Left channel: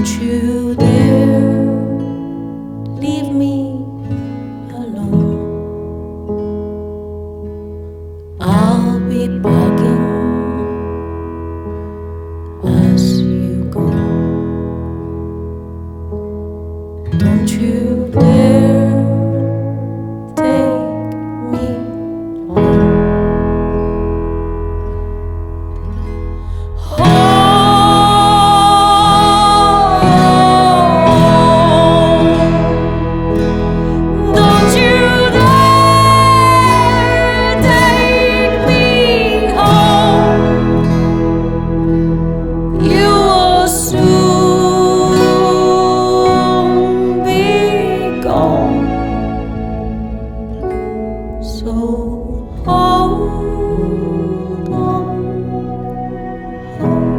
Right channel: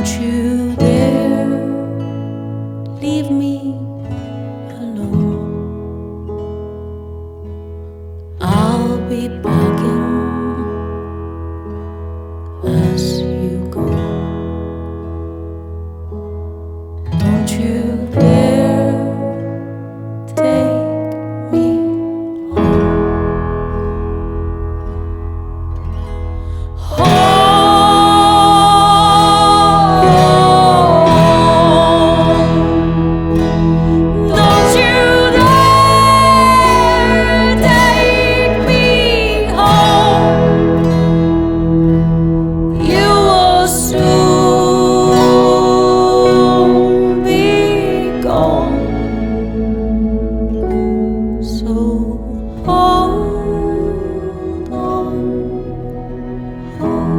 Don't you dare leave me alone. I'll be begging as you go. Don't you dare take me home. Don't you dare take me home. You will soon be gone. So hold on, hold.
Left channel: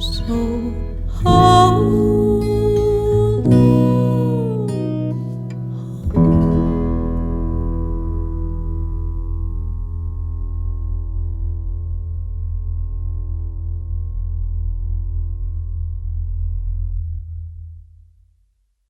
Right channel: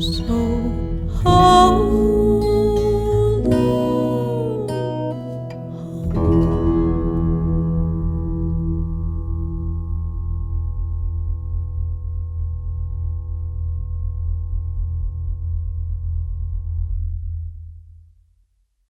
So hold